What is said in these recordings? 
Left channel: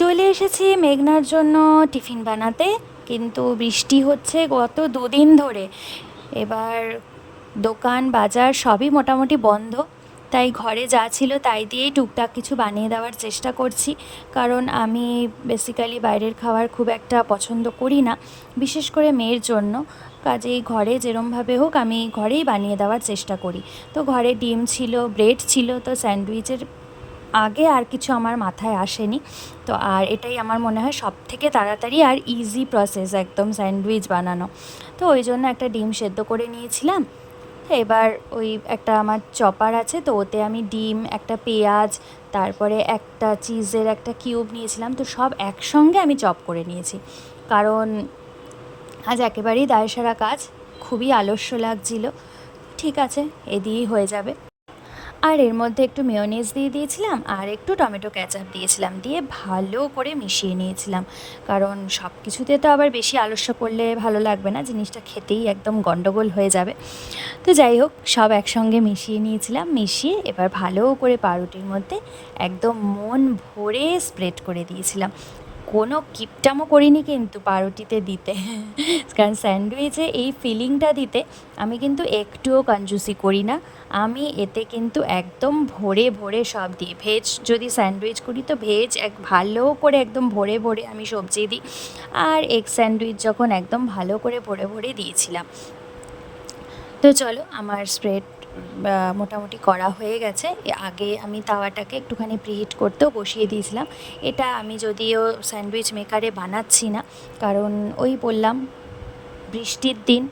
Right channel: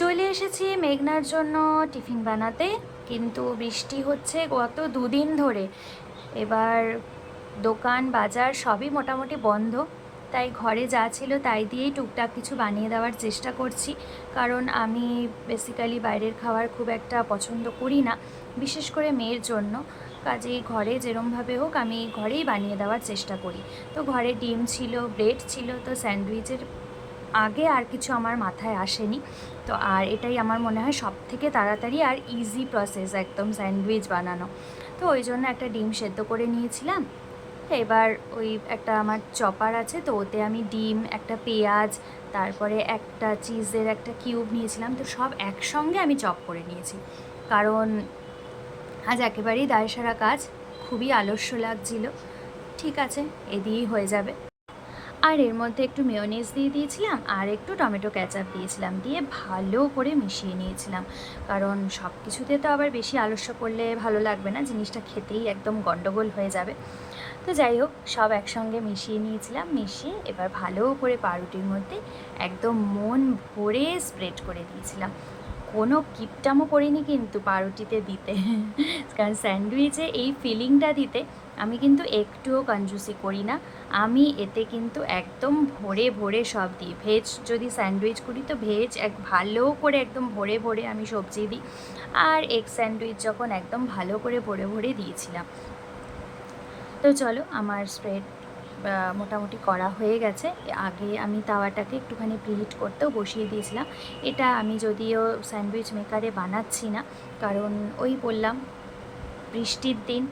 চলে এসেছি মেঘনার জন্য টিফিন বানাতে, কিন্তু বৃষ্টি হচ্ছে গত দুদিন ধরে। এবার দোকান বাজার সবই মোটামুটি বন্ধ, তাই ঘরে যা ছিল তাই দিয়েই টুকটাক কিছু বানিয়ে দেওয়ার চেষ্টা করছি। কারণ আমি বেসিক্যালি বাইরের খাবার খুব একটা পছন্দ করি না, বিশেষ করে মেয়ের জন্য। কাজেই ঘরে যেরমভাবে হোক আমি ঘরেই বানিয়ে দেওয়ার চেষ্টা করি। তো ঘরে ডিম ছিল, ব্রেড ছিল, তো স্যান্ডউইচের আগে আর কিছু আমার মাথায় আসেনি। তো আর এটাই আমার মনে হয় সব থেকে তাড়াতাড়ি আর ইজি প্রসেস একদম স্যান্ডউইচ বানানো। তো ওই জন্য একটা ডিম সেদ্ধ করে নিয়েছিলাম। এবার ওই একটা আমার চপার আছে, তো ওতে আমি ডিম, একটা পেঁয়াজ, তারপরে একটা চিজের একটা কিউব নিয়েছিলাম, তো সব একসঙ্গে আমি চপ করে নিয়েছি। কারণ আজ একেবারেই দায়সারা কাজ, খুবই আলস্য লাগছিল। ঠিক আছে, এ দিয়েই হয়ে যাবে। আর এর মধ্যে একটু মেয়োনিজ দিয়ে দিয়েছিলাম আর একটু টমেটো ক্যাচাপ দিয়েছিলাম, দিয়ে ভালো করে মিশিয়ে নিয়েছিলাম। কারণ সব কিছুতে তো আবার বেশি আলস্য করলে ভালো লাগবে না, জিনিসটা খেতেই একদম গন্ডগোল হয়ে যাবে। তো যাই হোক, সব একসঙ্গে মিশিয়ে নিয়েছিলাম, মিশিয়ে এবার ভালো করে পাউরুটির মধ্যে একদম মন ভরে স্প্রেড করে দিয়েছিলাম। কোনো কিপটামও করিনি কিন্তু পাউরুটিতে দিতে কারণ স্যান্ডউইচে এই ফিলিংটা দিতে আমি কিন্তু একটুও কঞ্জুসি করি না। আমি এতে কিন্তু একদম ভরে ভরে সব দিই। ভেজ যদি স্যান্ডউইচ করি তো ভেজ ভালো করে একদম ভরে ভরে আমি সবজি দিই। আর এগ স্যান্ডউইচ যখন একদম ভালো করে ভরে ভরে দিয়েছিলাম। তো চলো, আমার স্প্রেড মোটামুটি করা হয়ে গেছে। আগে আমি তাওয়াটাকে একটুখানি প্রিহিট করতেও বসিয়ে দিয়েছিলাম। এটা আমি যদিও স্যান্ডউইচ মেকারে বানাচ্ছি না, কারণ ওই বললাম বৃষ্টির দিন,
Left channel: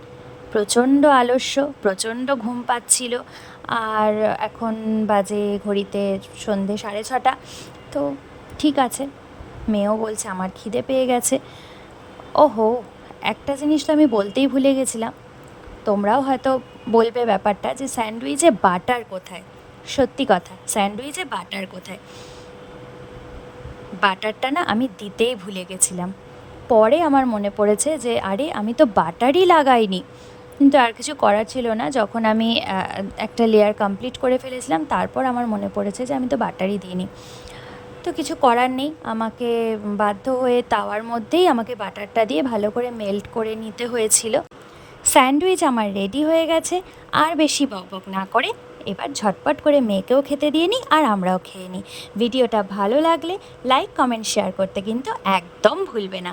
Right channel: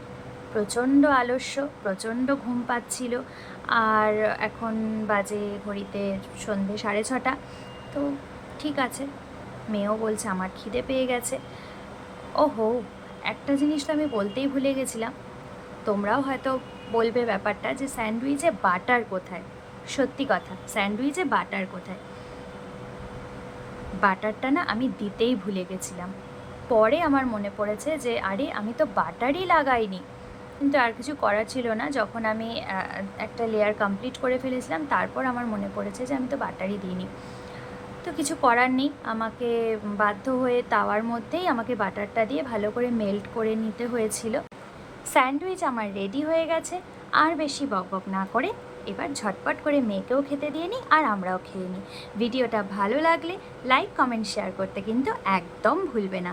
প্রচণ্ড আলস্য, প্রচণ্ড ঘুম পাচ্ছিল। আর এখন বাজে ঘড়িতে সন্ধে 6:30। তো ঠিক আছে, মেয়েও বলছে আমার খিদে পেয়ে গেছে। ওহো, একটা জিনিস তো আমি বলতেই ভুলে গেছিলাম। তোমরাও হয়তো বলবে ব্যাপারটা যে স্যান্ডউইচে বাটার কোথায়। সত্যি কথা, স্যান্ডউইচে বাটার কোথায়? বাটারটা না আমি দিতেই ভুলে গেছিলাম। পরে আমার মনে পড়েছে যে আরে আমি তো বাটারই লাগাইনি। কিন্তু আর কিছু করার ছিল না, যখন আমি একটা লেয়ার কমপ্লিট করে ফেলেছিলাম তারপর আমার মনে পড়েছে যে আমি তো বাটারই দিইনি। তো কিছু করার নেই, আমাকে বাধ্য হয়ে তাওয়ার মধ্যেই আমাকে বাটারটা দিয়ে ভালো করে মেল্ট করে নিতে হয়েছিল। স্যান্ডউইচ আমার রেডি হয়ে গেছে। আর বেশি বকবক না করে এবার ঝটপট করে মেয়েকেও খেতে দিয়ে নিই আর আমরাও খেয়ে নিই। ভিডিওটা ভালো লাগলে লাইক, কমেন্ট, শেয়ার করতে কিন্তু একদম ভুলবে না।